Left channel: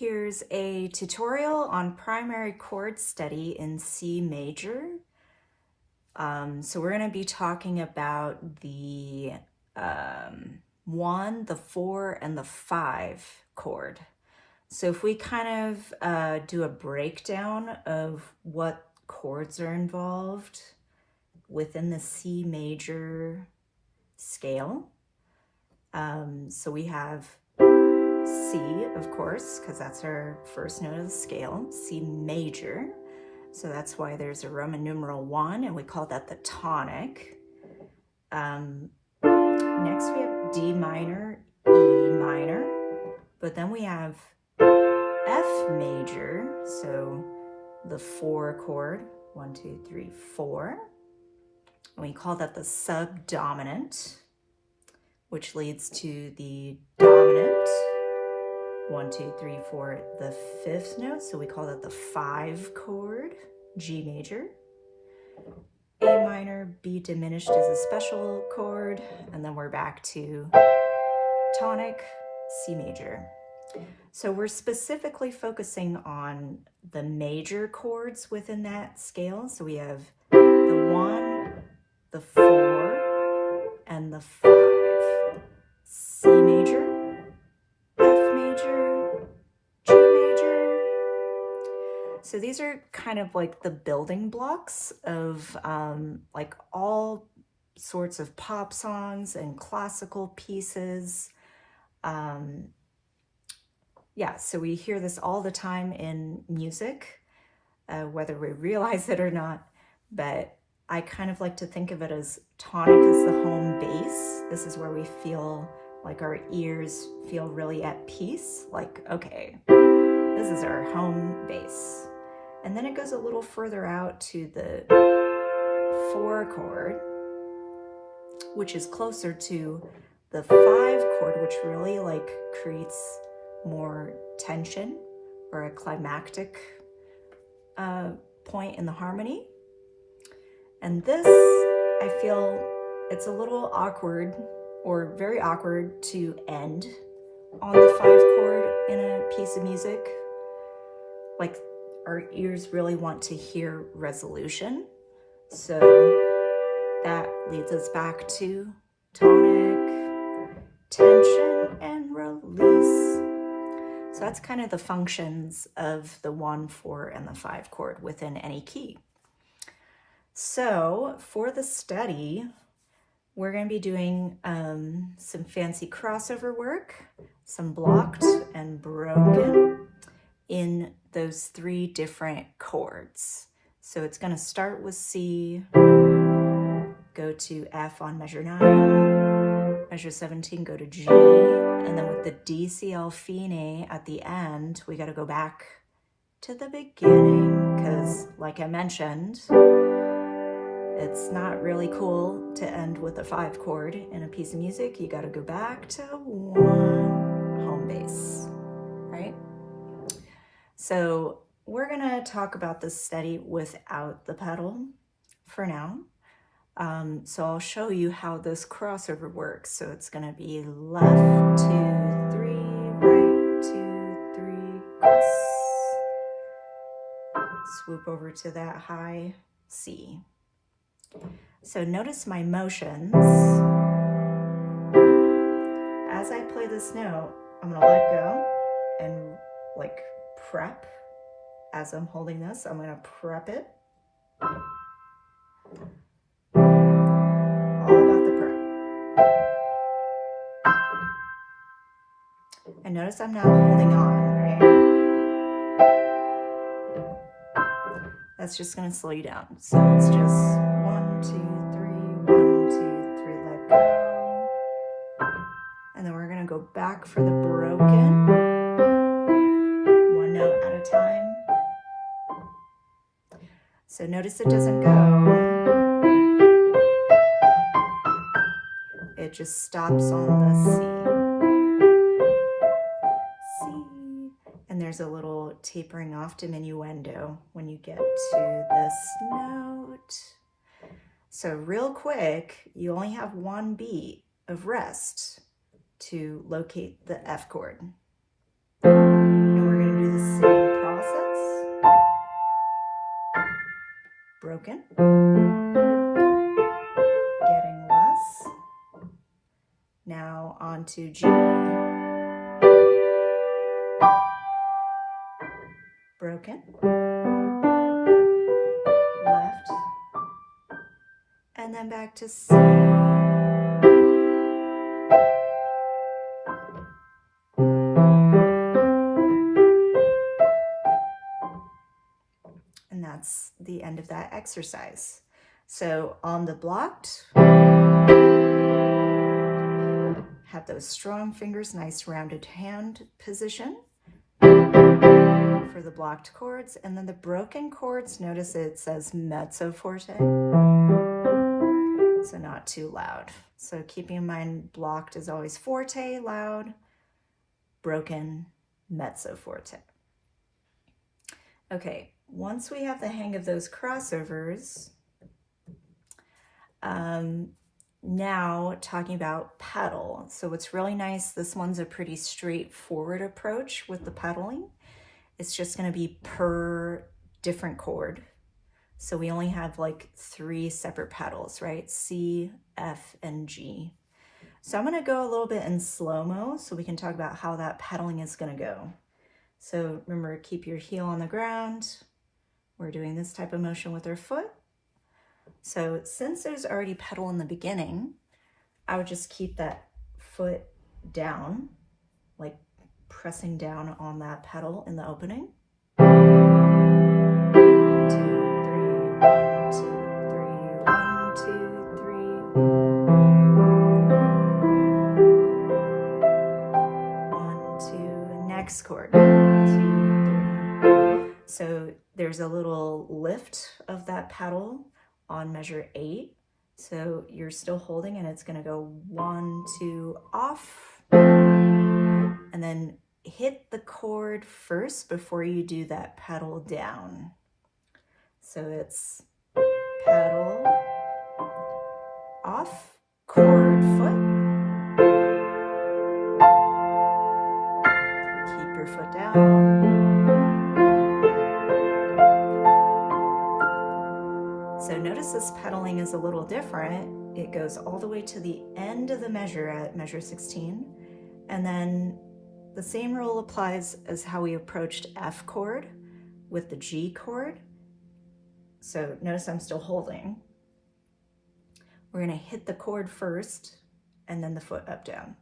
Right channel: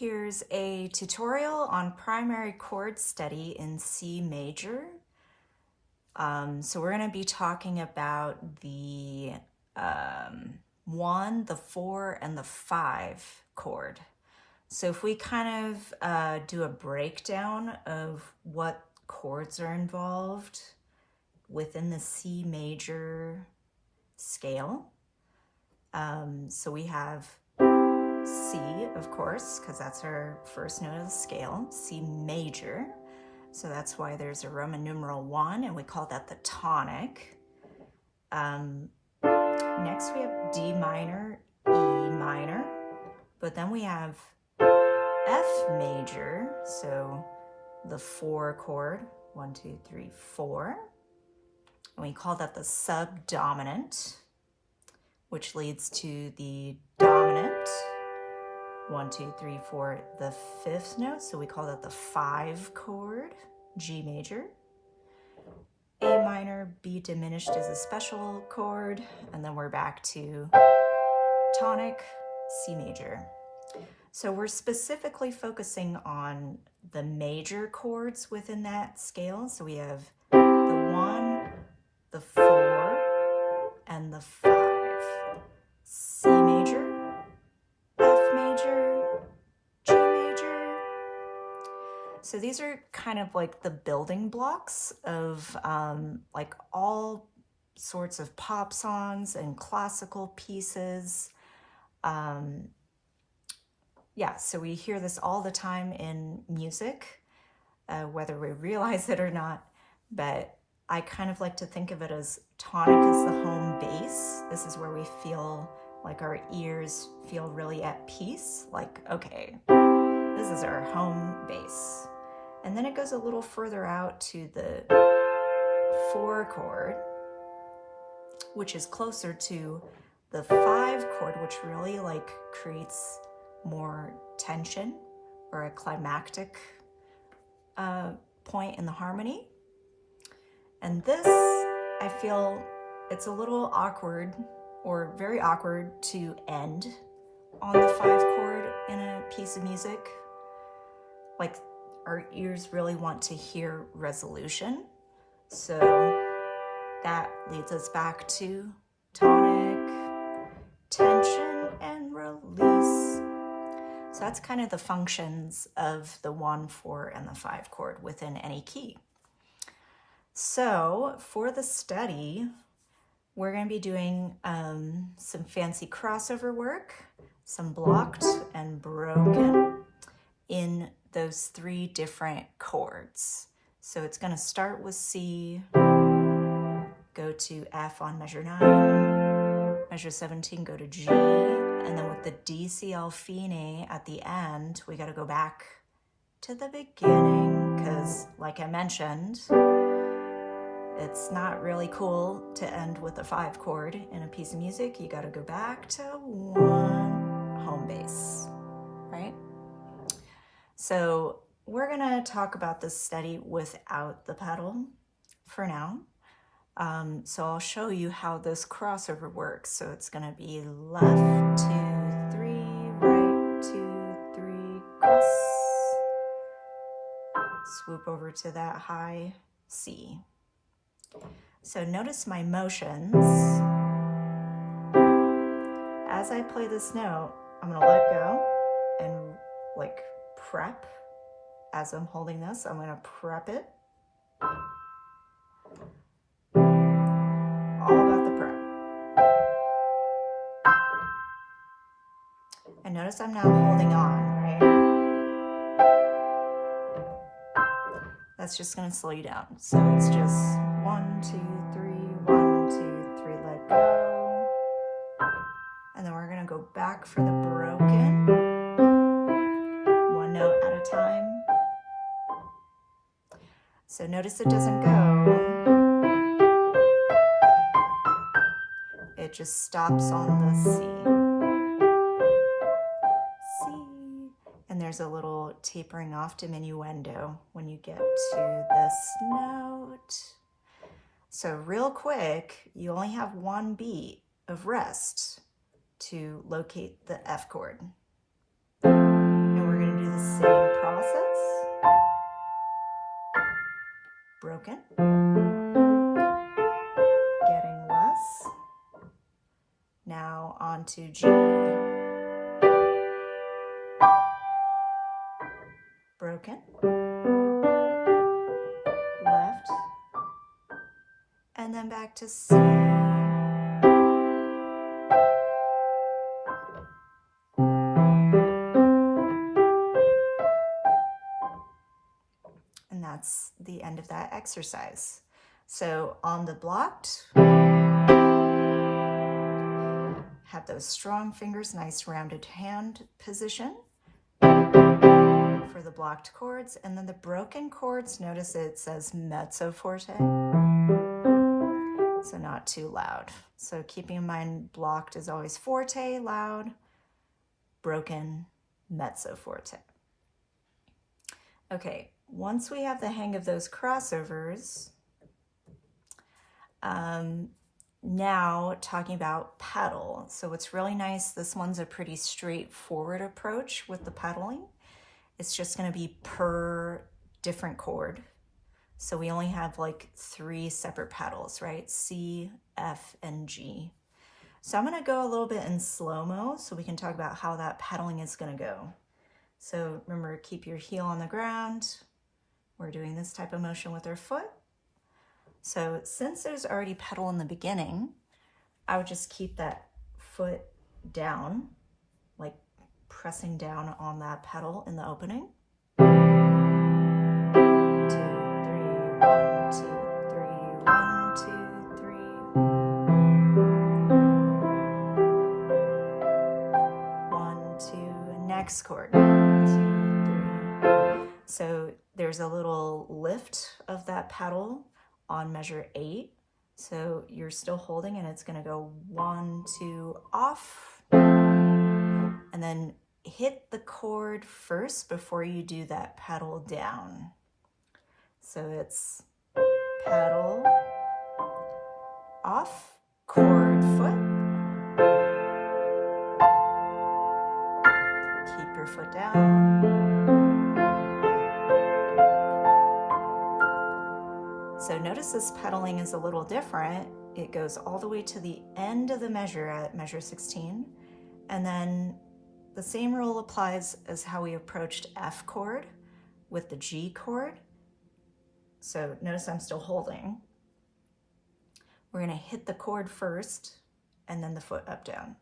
Here's a tutorial on primary chord study in C major. So we're going to be talking about the 1, the 4, and the 5 chord. So if we kind of do a breakdown of what chords are involved within the C major scale. So we have C, of course, because that's our first note of the scale, C major. So that's why there's a Roman numeral 1, and we call that the tonic. Next we have D minor, E minor, but then we have F major, so the 4 chord, 1, 2, 3, 4. And we call that the subdominant, which leads to the dominant, 1, 2, 3, 4, the 5th note, so we call that the 5 chord, G major. A minor, B diminished is a special chord, and then we're back to tonic, C major. So we're specifically focusing on the major chords within that scale. So we have the 1, the 4, and the 5. C major, F major, G major. So these are kind of like the building blocks of like all sorts of pop songs and classical pieces. Yeah, so we hear this all the time in music, whether we realize it or not, but I kind of like to think of it as tonic is the home base. This is where we feel like our ears feel really at peace, like, okay, this is our home base. And then it goes a little further out to the 4 chord, which is closer to the 5 chord, which really like creates more tension or a climactic point in the harmony. And this, I feel it's a little awkward or very awkward to end on the 5 chord in a piece of music. Like our ears really want to hear resolution. So that leads us back to tonic, tension, and release. So that's kind of the functions of the 1, 4, and the 5 chord within any key. So for the study, we're going to be doing some fancy crossover work, some blocked and broken in those 3 different chords. So it's going to start with C, go to F on measure 9, measure 17, go to G, and then with the D, C, L fine at the end, we got to go back to the beginning because, like I mentioned, it's not really cool to end with a 5 chord in a piece of music. You got to go back to 1 home base, right? So we're going to talk about this study without the pedal for now. So I'll show you how this crossover works. So it's going to be left, 2, 3, right, 2, 3, cross. Swoop over to that high C. So notice my motions. As I play this note, I'm going to let go and like prep. As I'm holding this, I'm going to prep it. All about the prep. And notice I'm now holding on, right? That's just going to slow you down. So it's just 1, 2, 3, 1, 2, 3, let go. And then we're going to go back for the broken, 1 note at a time. So notice it doesn't go. It just stops on the C. C. And there's a little tapering off diminuendo when you get to this note. So real quick, you only have 1 beat of rest to locate the F chord. And we're going to the same process. Broken. Getting less. Now on to G. Broken. Left. And then back to C. And that's the end of that exercise. So on the blocked, have those strong fingers, nice rounded hand position for the blocked chords. And then the broken chords, notice it says mezzo forte, so not too loud. So keeping in mind blocked is always forte, loud, broken, mezzo forte. Okay, once we have the hang of those crossovers, now talking about pedal. So what's really nice, this one's a pretty straightforward approach with the pedaling. It's just going to be per different chord. So we only have like 3 separate pedals, right? C, F, and G. So I'm going to go a little bit in slow-mo so we can talk about how that pedaling is going to go. So remember, keep your heel on the ground. We're doing this type of motion with our foot. So since there's already pedal in the beginning, I would just keep that foot down, like pressing down on that pedal in the opening. 1, 2, 3, 1, 2, 3, 1, 2, 3. 1, 2, next chord. 2, 3. So there's a little lift of that pedal on measure 8. So you're still holding and it's gonna go 1, 2, off. And then hit the chord first before you do that pedal down. So it's pedal, off, chord, foot. Keep your foot down. So notice this pedaling is a little different. It goes all the way to the end of the measure at measure 16. And then the same rule applies as how we approached F chord with the G chord. So notice I'm still holding. We're going to hit the chord first and then the foot up, down.